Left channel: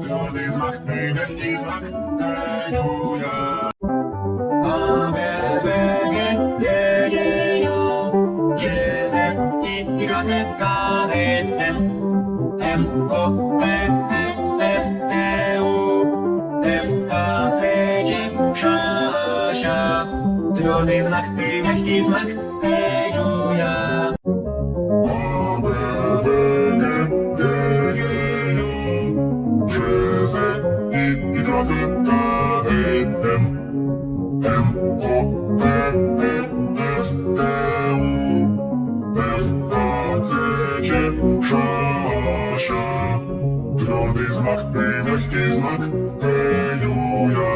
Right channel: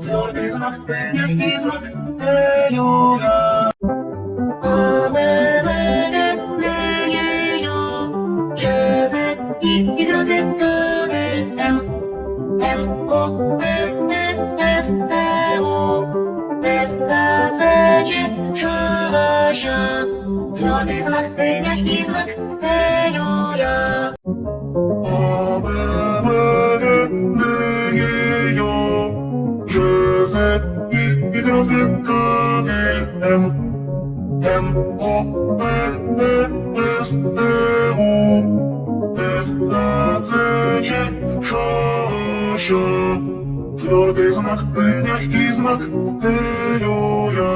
Твердый знак, ты мягкий знак, Т-Ю-Я. А, Б, В, Г, Д, Е, Ю, Ж, З, И, Y, К, Л, М, Н, О, П, П, С, Т, У, Ф, А, Ц, Ч, Ш, Щ. Твердый знак, ты мягкий знак, Т-Ю-Я. А, Б, В, Г, Д, Е, Ю, Ж, З, И, Y, К, Л, М, Н, О, П, П, С, Т, У, Ф, А, Ц, Ч, Ш, Щ. Твердый знак, ты мягкий знак, Т-Ю-Я.